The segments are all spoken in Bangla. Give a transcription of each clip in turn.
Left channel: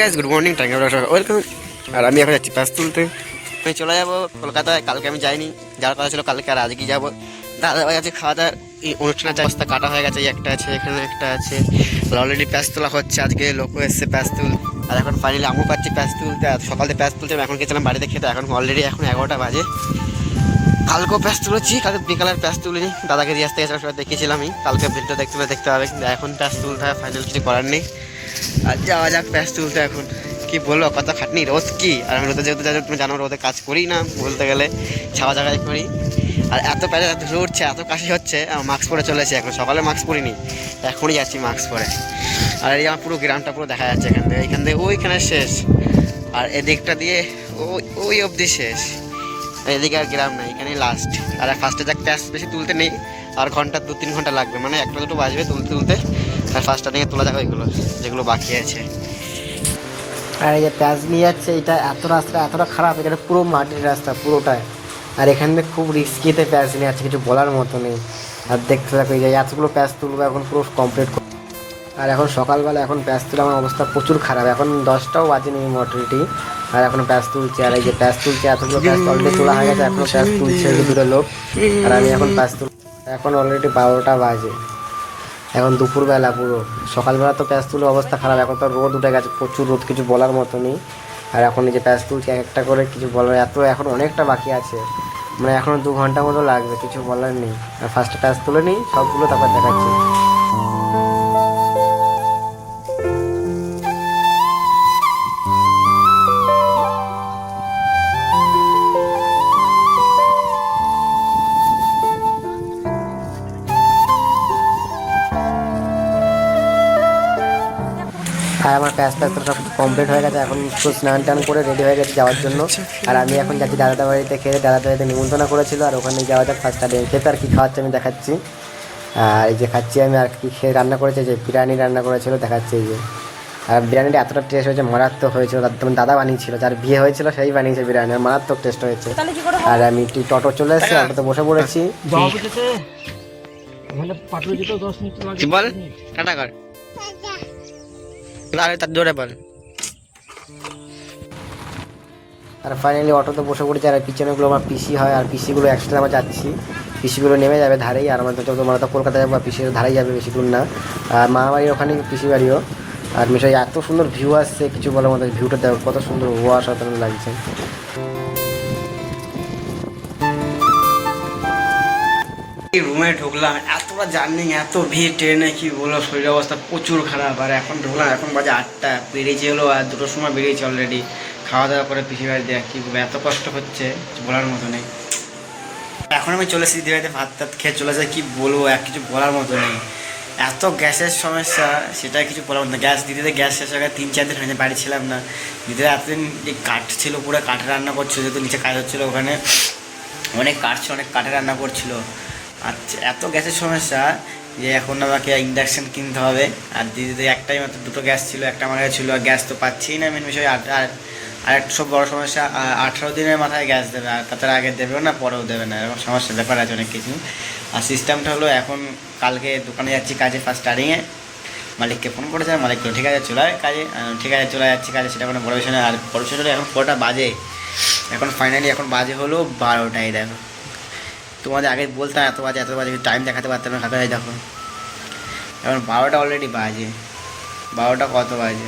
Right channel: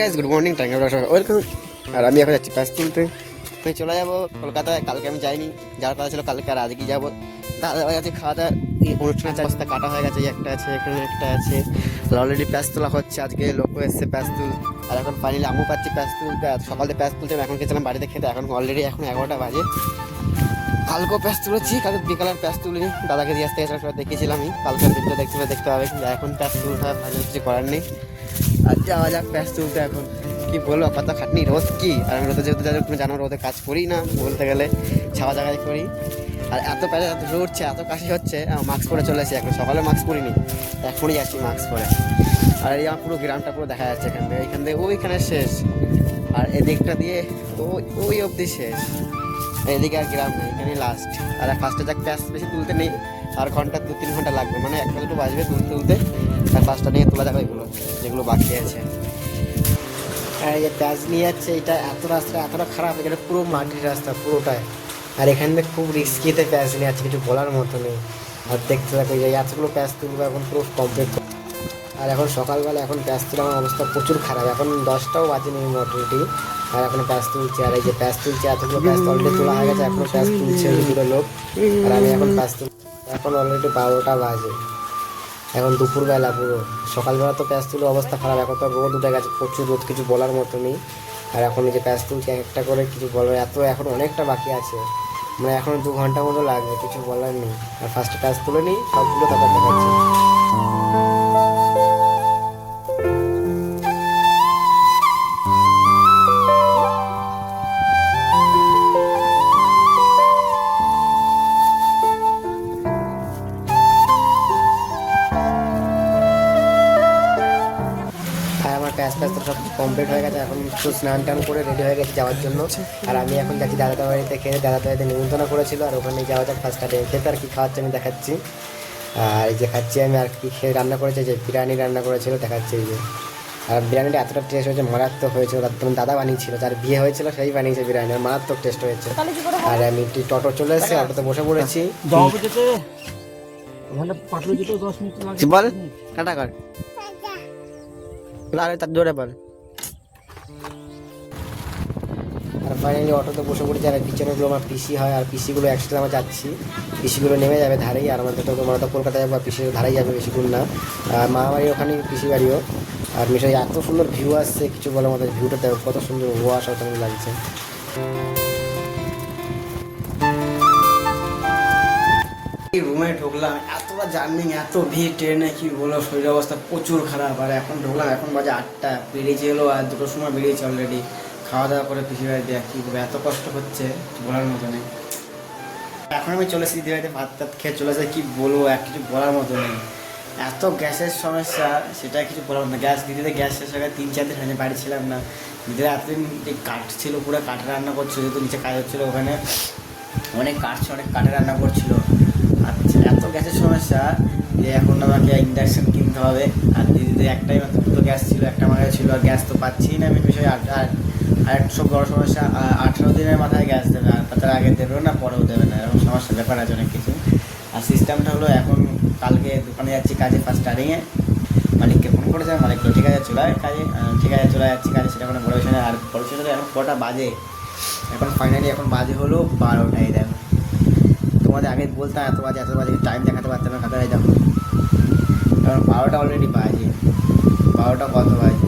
Guys good morning welcome. আর আমি এখন যাচ্ছি প্যাস তুলতে। আমি চলে যাবো কলকাতায়। কালকে আমি যাইনি, যার কথা ছিল কালকে, আর আজকে যাবো। দাদা ভাই আছে, খাওয়া দাওয়া এই অনুষ্ঠানের অবস্থা কাটা হয়ে গেছে। একটা আছে, এখানে একটা আছে। অলরেডি প্যাস তোলা হচ্ছে, আজকে লোক এসছে প্যাস তুল। আর এখন ফাইনালি আমি পাচ্ছি প্যাস তুলতে। আর সকালে প্যাস তুলতে এখন গেছিলাম বাড়িতে খেতে। এখন অলরেডি এখন 11টা বাজে। কালকেও প্যাস তুলেছি, কালকে বিকালের প্যাস তুলিনি, দাদাকে দিয়ে আসতে গেছিলাম, সবাই দেখেছিলাম। আমি কালকে ভিডিও দেখতে হবে, কিন্তু এখন প্যাস তুলতে হয়, ফাইনাল কিছু করার নেই। আর যাওয়া যাক প্যাস তুলতে। এখন কি বলবো, কত খাটনি, রোদ কি। আর আমি রোদে যেহেতু তুমি জানো রোদে কাজ করি না বলতে গেলে, ছাওয়া জায়গায় করি। আর এত প্যাসে এত জোর উঠছে, এত কাশি হচ্ছে, মাস্ক পরে চলে এসেছি। এখন সকালে মাস্ক পরিনি, এখনই যাচ্ছি মাস্ক পরে। আর এই আমার পুরো গ্রামটা পুরো দেখা যাচ্ছে এখান থেকে ওইখানে শেষ। আর এদিকটা দিয়ে ওই অবধি শেষ। এদিকে আর গ্রাম নেই, এখানে লাস্ট। আর ফার্স্টে যাক প্যাস বেশি তুলতে নেই, আর ঘন্টা 2-3 ঘন্টা লাগবে, মানে 1-2 বাজবে তুলতে। আর ফার্স্টটা নিয়ে তোলা যাবে এগুলো যেগুলো বাকি আছে। আর এই যে প্যাচ নিয়ে যাচ্ছে, এটা রাস্তাটা এতটা খারাপ, এখানে পুরো মাটির রাস্তা পুরোটাই। আর এখানে খুব রিস্কিতে প্যাচ নিয়ে যাচ্ছে, কিছু বলার মতো নেই। আর দেখতে থাকো, এই যে এতগুলো প্যাচ তুলবো এখন পুরো কমপ্লিট। আর এখন সকালবেলা এখন প্যাচ তুলে আমার অবস্থা প্রচুর খারাপ। এখন 10টাও বাজেনি মোটামুটি, আর এখন প্যাচ তুলছে। আর এই যে প্যাচ তুলছে, এতগুলো প্যাচ অলরেডি তোলা হয়ে গেছে, এখনো প্যাচ তুলছে এই দুটো লোক। আর আমি এখন প্যাচ তুল, এখন অলরেডি 12টা বাজে। এখন দুপুরবেলা পুরো, সকালবেলা তো প্যাচ তুলে অবস্থা খারাপ। এখন তো রোদ উঠে গেছে, প্রচুর রোদ, কিছু বলার মতো নেই। আর এখন এই যে প্যাচ তুলছে একটা করে, কিছু বলার এখন অনেকটা বাকি আছে, মানে এখনো 2 ঘন্টা মতো লাগবে, কিছু বলার নেই। আর ফার্স্টে প্যাচ তুলে নিই সবগুলো, তারপর দেখাচ্ছি। আর আমার প্যাচ তো সব কমপ্লিট হয়ে গেছে, এখন একটু স্নান টান করে রেডি হয়ে গেছে যাওয়ার জন্য। আর আমি এখন যাচ্ছি দাদা বাড়িতে, খেয়ে দাদা বাড়িতে নিমন্ত্রণ করেছিল, আর ওখানে যাওয়া যাক ফার্স্ট টাইম খেতে। আর কি খাওয়াচ্ছে আমি দেখাচ্ছি। আর এই যে খাচ্ছি আমি, আর কি খেয়ে রান্না করেছে, যে বিরিয়ানি রান্না করেছিল দেখাচ্ছি এই যে। আর বিরিয়ানিটা এতটা টেস্ট হয়েছে, মারাত্মক হয়েছিল। দাদা বানিয়েছিল, যার বিয়ে হয়েছিল সেই বানিয়েছে বিরিয়ানি, আর মারাত্মক টেস্ট হয়েছে। আর আমি টোটো চলে এসেছি, অটোতে বসে পড়েছি। বল টাটা কর, তার জোরে বল। আর ফাইনালি অটোতে বসে পড়েছি। আর পিছনেগুলো আমার পিসি হয়, আর পিসিগুলো একসাথে আমরা যাচ্ছি। পিসিগুলো নেমে যাবে ধারেই, আর আমাদের তো আমরা তো কলকাতা যাবো, আর পিসির ধারেই যাবে, বেশি দূর না। আর মা বাড়ির ওখানে পিসি বাড়িও। আর মিশাই এত সুন্দর ভিউ আসছে, কিছু বলার মতো। ভিউটা দেখো কত সুন্দর, অসাধারণ লাগছে। রুমে ঢুকলাম, এতটা জার্নি, এত ভিড় ট্রেনে, কি বলবো, শরীরের অবস্থা প্রচুর খারাপ। আর এখন ঢুকলাম, এখন বাজে 8টা, বেরিয়েছে হলো আর 2টোর সময় বেরিয়েছে অলরেডি। খাওয়া দাওয়া করে পিসি বাড়ি দিয়ে, কী বলবো, এত কষ্ট হচ্ছে বলার মতো নেই। এখন আমি চলে এসেছি দিদিবাড়িতে, ভাত টাত খেয়ে চলে এসে, কী বলবো, কিছু বলার মতো নেই। এত গ্যাসের সমস্যা, সেটা কিছু বলার মতো। দিদিতে গ্যাস শেষ হয়ে 3-4 দিন হয়নি, বাড়ি ছিলাম না। দিদিরা এতদিন এই কাঠ ছিল, পুরো কাঠে রান্না করছিল, যেহেতু নিচে কাজ হচ্ছিলো, ওখানে অনেক কাঠ ছিল, অনেক কাঠে রান্না করছিল। আচ্ছা, এত গ্যাসের সমস্যা যে এখন আমাকে ইন্ডাকশান কিনতে হবে। আর দিদিতে একটাই মাত্র 2টো গ্যাস ছিল, একটা আমার কাছে ছিল, আর গ্যাস তো পাচ্ছিই না। মেন বিষয় আর একটা সব বড়ো সমস্যা, 18 দিনের মাথায় গ্যাস দেবে, আর তার আগে দেবেও না, পরেও দেবে না, এরকম সমস্যার ব্যাপার আছে অনেক কিছু। আর সিস্টেমটা হলো, এখন কালকে দোকানে যাচ্ছি কাজে, ফার্স্ট স্টার্টিংয়ে মালিককে ফোন করেছে, মালিককে ঠিক আছে চলে যায় কাজে, ঠিক আছে চলে যাচ্ছি কাজে, সেটা কোনো বড় বিষয় না। আর বড় বিষয় হলো এখন 4টা বাজে, এখন ফাইনালি এখন বাজে হলো 12টাই। দেখো তোমাদের আগে বলতাম এত বাজে টাইম দেখাতে পারতাম না, হাতে দেখো এখন 12টা অলরেডি বাজে। 12টা কত বাজে,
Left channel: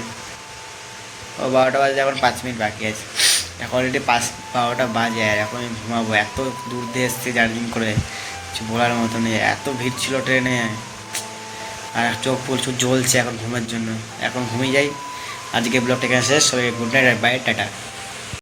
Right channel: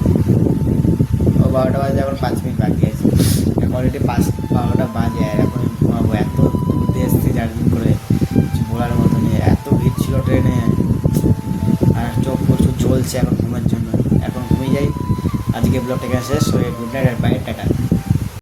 12টা বাজে, এখন 5 মিনিট বাকি আছে। এখন অলরেডি 12টা বাজে, আর এখন ঘুমাবো। এত দূর দিয়ে এসছে জার্নি করে, কিছু বলার মতো নেই। এত ভিড় ছিল ট্রেনে, আর চোখ প্রচুর জ্বলছে এখন ঘুমের জন্য। এখন ঘুমিয়ে যাই, আজকে ব্লগটা এখানে শেষ হয়ে, গুড নাইট আর বাই, টাটা।